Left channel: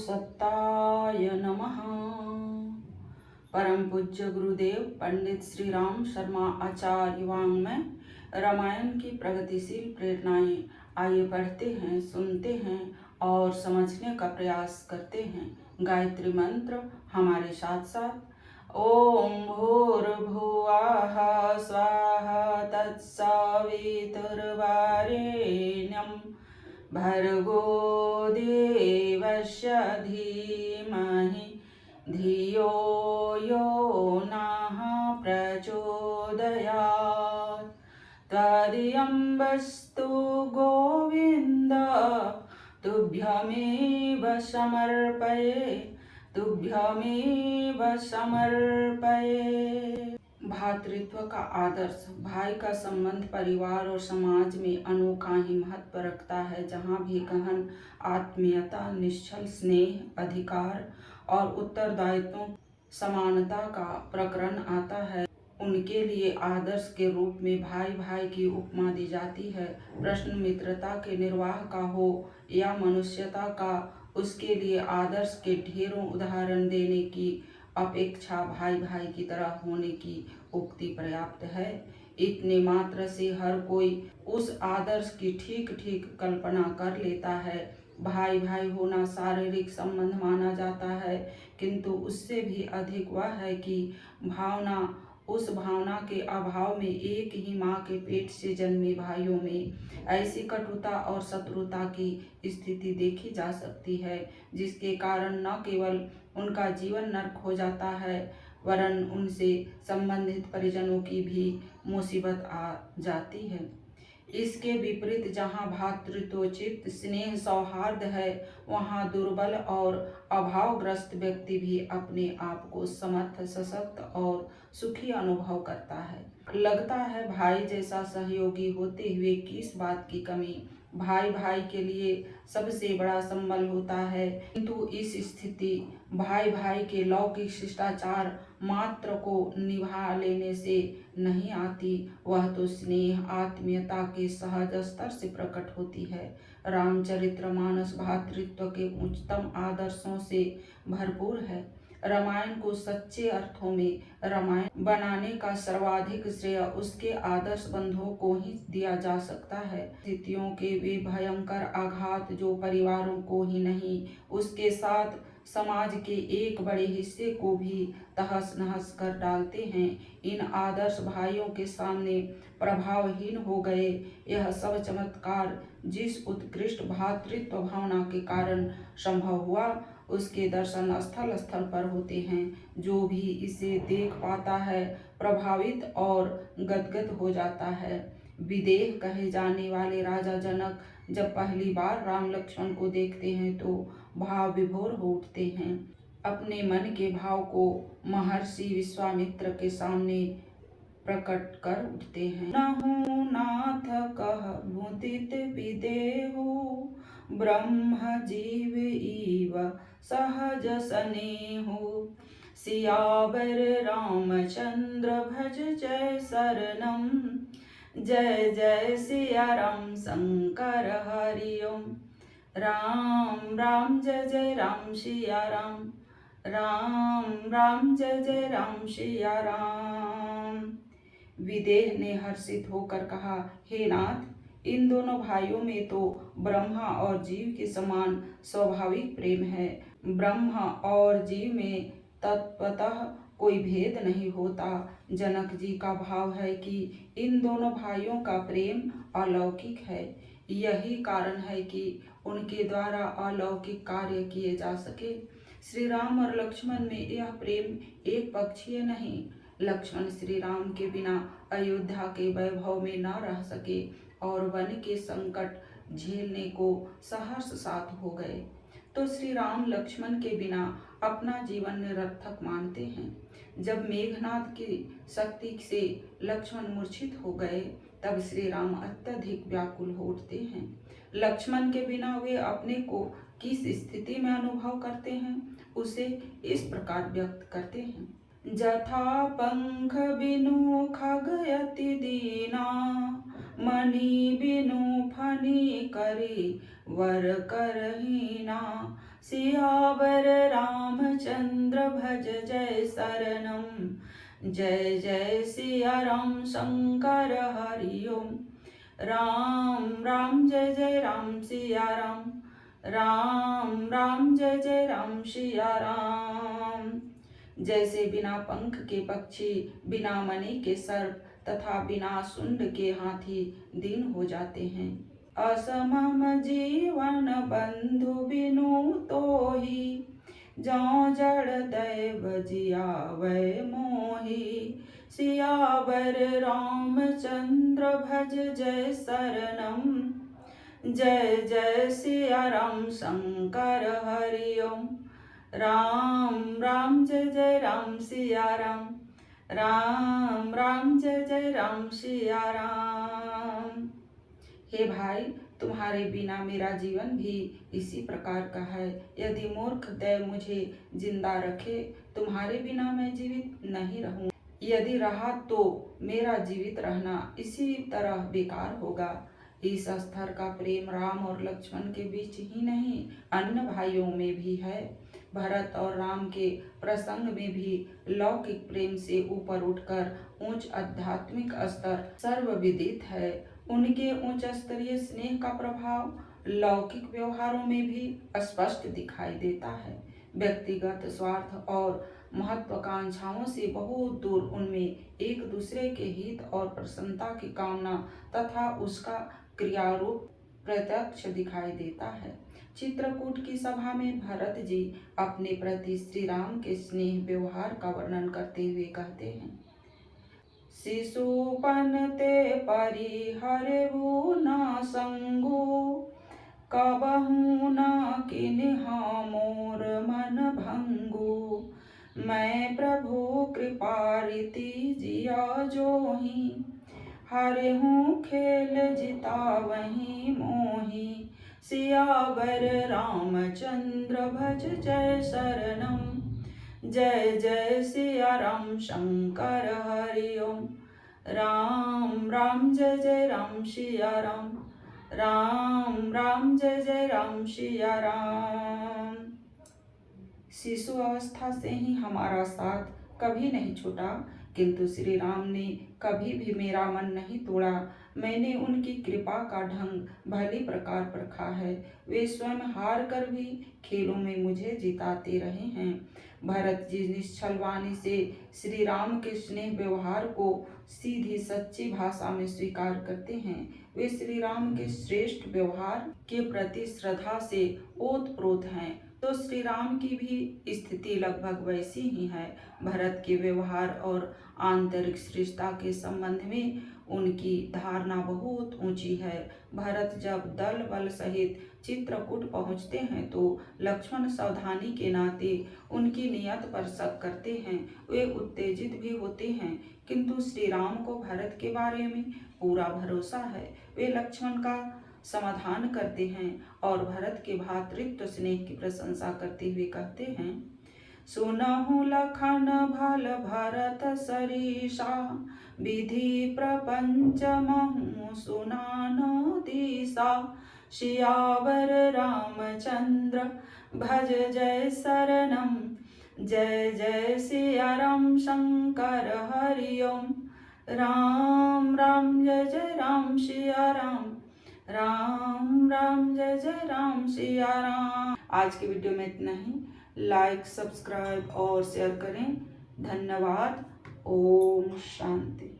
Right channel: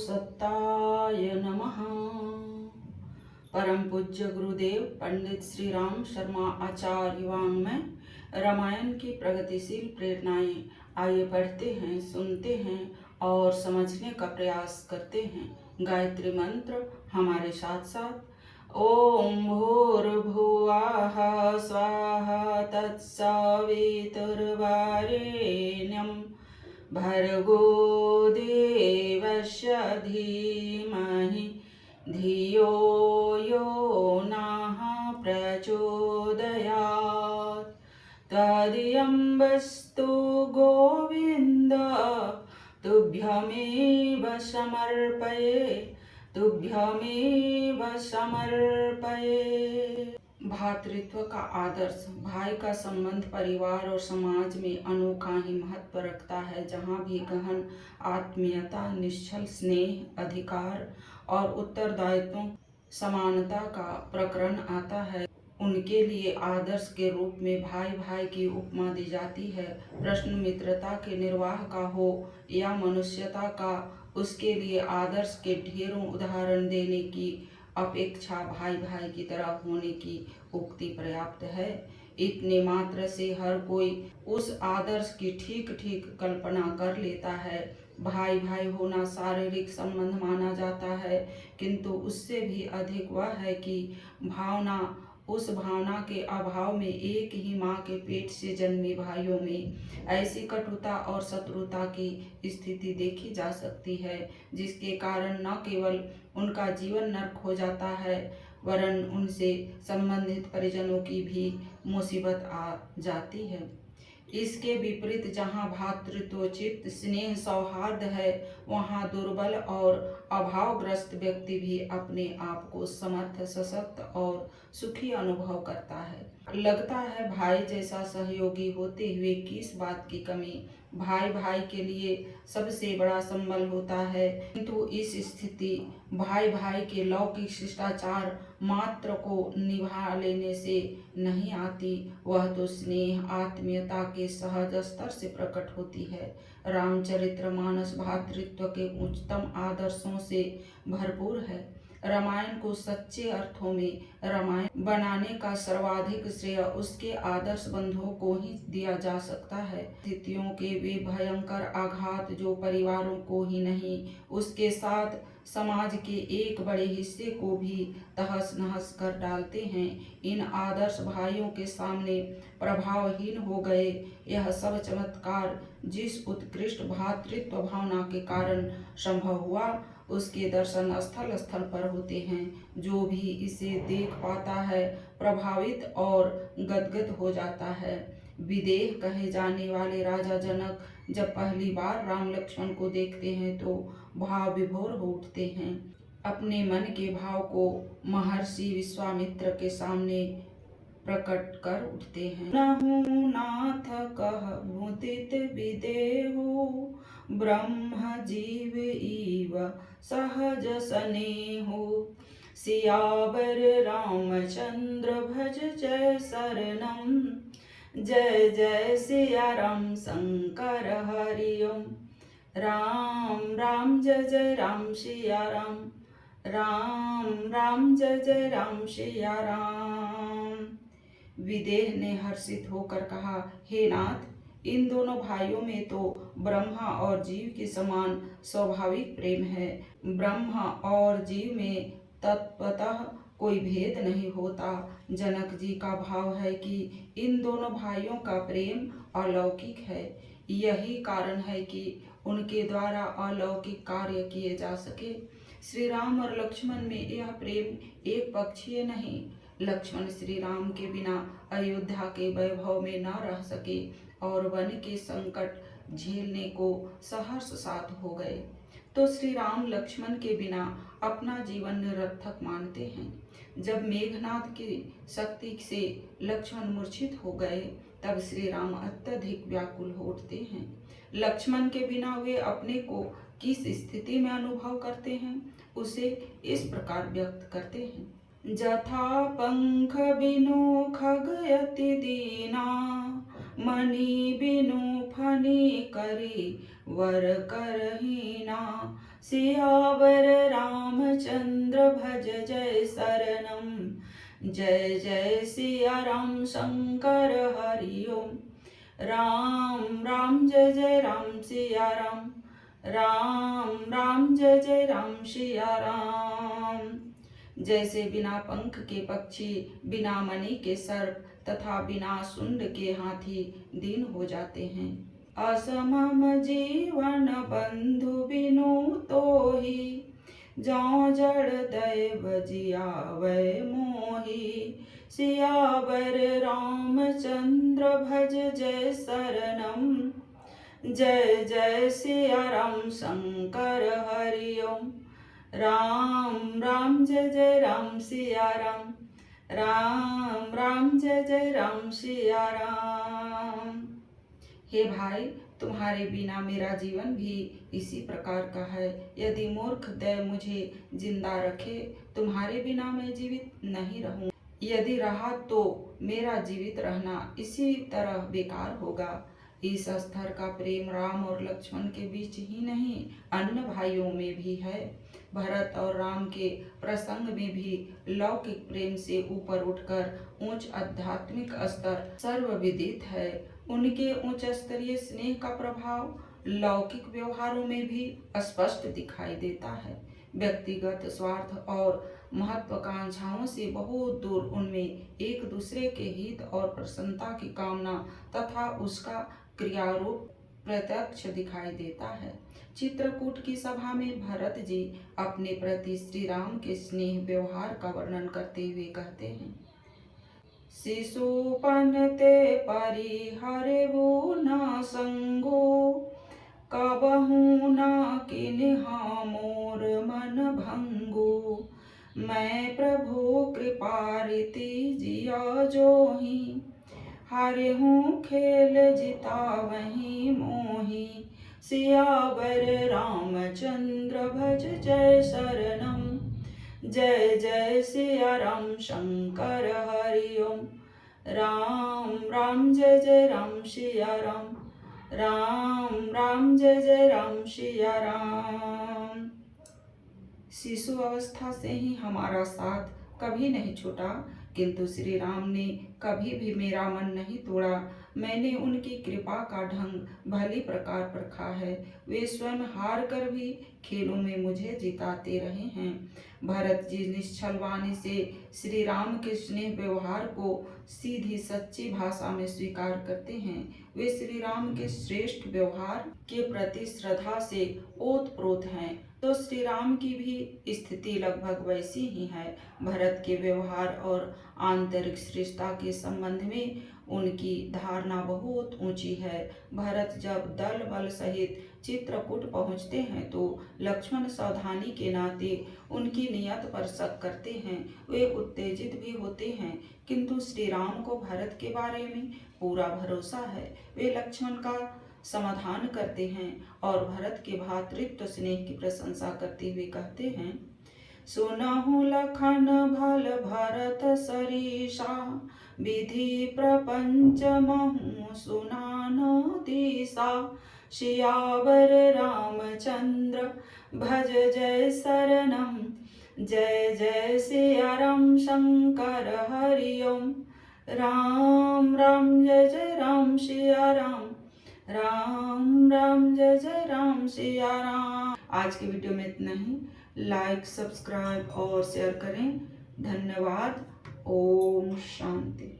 सत्ताय नमः। परम पूज्य गुरुदेव पंडित श्री राम शर्मा आचार्य वाङ्मय रामायण की प्रगतिशील प्रेरणाएं। आइए पढ़ते हैं, सुनते हैं और समझने का प्रयास करते हैं। गायत्री मंत्र हमारे साथ साथ। ओम भूर्भुवः स्वाहा तत्सवितुर्वरेण्यं भर्गो देवस्य धीमहि धियो यो नः प्रचोदयात्। त्वदीयं वस्तु गोविन्द तुभ्यमेव समर्पये, तुभ्यमेव समर्पये। भातृत्व का आदर्श। भाई का संबंध परिवार और समाज में अनोखा ही महत्व रखता है। जहाँ भी गहन आत्मीयता, निश्चल स्नेह, अधिकार और उत्तरदायित्वों समानता का प्रकरण आता है, उनके लिए आदर्श के रूप में भाई भाई की उपमा दी जाती है। प्रश्न मित्रता के निर्वाह का हो या मनुष्यता का, उसके लिए आदर्श के ढेरों उदाहरण देने की अपेक्षा भाई भाई की तरह होने की उक्ति पर्याप्त है। इतने मात्र से हर कोई उस आदर्श की ठीक ठीक कल्पना कर लेता है। भाई भाई होना शारीरिक संबंध माना जाता है, किंतु उससे भी अधिक वह है कि भावना, उस भावना के अभाव में एक ही माँ के पेट से जन्मे भाइयों में ऐसी कटुता और शत्रुता की स्थिति देखी जा सकती है, जिसके कारण न केवल उनका जीवन नर्क हो जाता है, वरन उनसे संबंधित परिजनों की भी मुसीबत आ जाती है। इसके विपरीत जहाँ भातृत्वोचित स्नेह सौहार्द है, वहाँ दुर्बल और अभावग्रस्त व्यक्ति भी अपने आप को समर्थ, सशक्त और सुखी अनुभव करता है। लगता है भाई जैसा सहयोगी होते हुए किस बात की कमी। भाई भाई के लिए सबसे बड़ा संबल होता है, किंतु इस स्थिति भाई भाई के लौकिक शिष्टाचार मात्र को निभा लेने से नहीं आती, वह तो स्नेह आत्मीयता के सहज स्तर से प्रकट होती है। रामचरितमानस भातृत्व के उच्चतम आदर्शों से भरपूर है। रामायण को सच्चे अर्थों में रामायण बनाने का सर्वाधिक श्रेय उसके आदर्श बंधुओं को ही दिया जा सकता है। स्थितियों के वे भयंकर आघात जो परिवारों को ही नहीं, उसके साथ समाज के एक बड़े हिस्से को भी तहस नहस कर डालते हैं, इन आदर्श भाइयों के सामने प्रभावहीन हो गए। यह सब चमत्कार जिस उत्कृष्ट भातृत्व भावना के कारण संभव हुआ, उसके दर्शन स्थल स्थल पर होते हैं। जो भी इसे देख पाता है प्रभावित और गदगद हो जाता है। विदेह कहे जाने वाले राजा जनक जब पहली बार राम लक्ष्मण को देखते हैं तो भाव विभोर हो उठते हैं। अपने मन के भाव को महर्षि विश्वामित्र के सामने प्रकट कर उठते हैं। नहु नाथ कह मुदित विदेहो, ब्रह्म जीव इव सहज स्नेहो। सियावर रामचंद्र भज जय शरणम, जय जय सिया राम शंकर हरिओम। राम राम जय जय राम सिया राम, राम राम जय जय राम सिया राम। विदेह ने हर्षित होकर कहा, हे नाथ, इन दोनों भाइयों में तो ब्रह्मा और जीव के समान स्वाभाविक प्रेम है। ब्रह्मा और जीव में तत्वतः कोई भेद नहीं होता। जनक जी का भाव है कि इन दोनों भाइयों का प्रेम अलौकिक है। यही कारण है कि उनके द्वारा अलौकिक कार्य किए जा सके। श्री राम और लक्ष्मण में यह प्रेम एक पक्षीय नहीं। लक्ष्मण श्री राम के बिना अयोध्या के वैभव में न रह सके और वन के संकट झेलने को सहर्ष साथ हो गए, तो श्री राम लक्ष्मण के बिना अपना जीवन निरर्थक मानते हैं। जब मेघनाद की शक्ति से लक्ष्मण मूर्छित हो गए, तब श्री राम अत्यधिक व्याकुल हो उठते हैं। लक्ष्मण के बिना वे अपने को किस स्थिति में अनुभव करते हैं, उसे इस प्रकार व्यक्त करते हैं। जथा पंख बिनु खग अति दीना, मणि बिनु फनि करी वर करहीना। सियावर रामचंद्र भज जय शरणम। जय जय सिया राम शंकर हरि ओम। राम राम जय जय राम सिया राम। राम राम जय जय राम सिया राम। जैसे बिना पंख के पक्षी, बिना मणि के सर्प तथा बिना सुंड के हाथी दीन हो जाते हैं। असमम जीवन बंधु बिनु तोहि। जौ जड़ दैव जियावै मोहि। सियावर रामचंद्र भज जय शरणम। जय जय सिया राम शंकर हरि ओम। राम राम जय जय राम सिया राम। राम राम जय जय राम सिया राम। हे भाई, तुम्हारे बिना मेरा जीवन भी इसी प्रकार का है। यदि मूर्ख दैव मुझे जिंदा रखे, तुम्हारे बिना मैं जीवित नहीं रहूं। यदि रहा तो मेरा जीवित रहना इसी तरह बेकार होगा। इस स्तर का प्रेम राम और लक्ष्मण के बीच ही नहीं, अन्य भाइयों में भी है। भरत और राम के प्रसंग में भी लौकिक प्रेम से ऊपर उठकर उच्च आध्यात्मिक स्तर सर्वविदित है। उनके उच्च स्तरीय स्नेह का प्रभाव लौकिक व्यवहारों में भी स्पष्ट दिखाई देता है। व्यक्तिगत स्वार्थ और महत्वाकांक्षाओं से बहुत दूर उनमें एक दूसरे के हित और प्रसन्नता की कामना तथा उसका क्रियारूप प्रत्यक्ष दिखाई देता है। चित्रकूट की सभा में भरत जी अपने प्रति श्री राम के स्नेह व्यवहार का वर्णन करते हुए कहते हैं। शिशुपन ते परिहरबु न संगो। कबहु न किन्हा मोर मन भंगो। मैं प्रभु कृपा रीति जिया जोहि। हरहु खेल जितावहि मोहि। सियावर रामचंद्र भज जय शरणम। जय जय सिया राम शंकर हरि ओम। राम राम जय जय राम सिया राम। राम राम जय जय राम सिया राम। शिशु अवस्था से ही हमारा साथ कभी नहीं छूटा, किंतु श्री राम ने कभी भी मेरा मन नहीं तोड़ा। मैंने उनकी कृपा का ढंग भली प्रकार परखा है। वे स्वयं हार कर भी खेलों में मुझे जिताते रहे हैं। भरत जी निश्चल वाणी से श्री राम के स्नेह व्यवहार को सीधी सच्ची भाषा में स्वीकार करते हैं। वे श्री राम के श्रेष्ठ व्यवहार के प्रति श्रद्धा से ओतप्रोत हैं। तो श्री राम की भी स्थिति लगभग वैसी ही है। भरत के व्यवहार और आंतरिक श्रेष्ठता के संबंध में उनकी धारणा बहुत ऊंची है। भरत जब दल बल सहित चित्रकूट पहुंचते हैं तो लक्ष्मण सावधानी के नाते उनकी नियत पर शक करते हैं। वे उत्तेजित भी होते हैं, किंतु श्री राम को भरत के बारे में पूरा भरोसा है। वे लक्ष्मण का समाधान करते हैं और भरत के भ्रातृत्व स्नेह की प्रशंसा करते हुए कहते हैं। सुनहु लखन भल भरत सरीसा। विधि प्रपंच महु सुनान दिशा। सियावर रामचंद्र भज जय शरणम। जय जय सिया राम शंकर हरि ओम। राम राम जय जय राम सिया राम। राम राम जय जय राम सिया राम। आज के वीडियो में इतना ही। लाइक, सब्सक्राइब और शेयर करें। धन्यवाद। ओम शांति।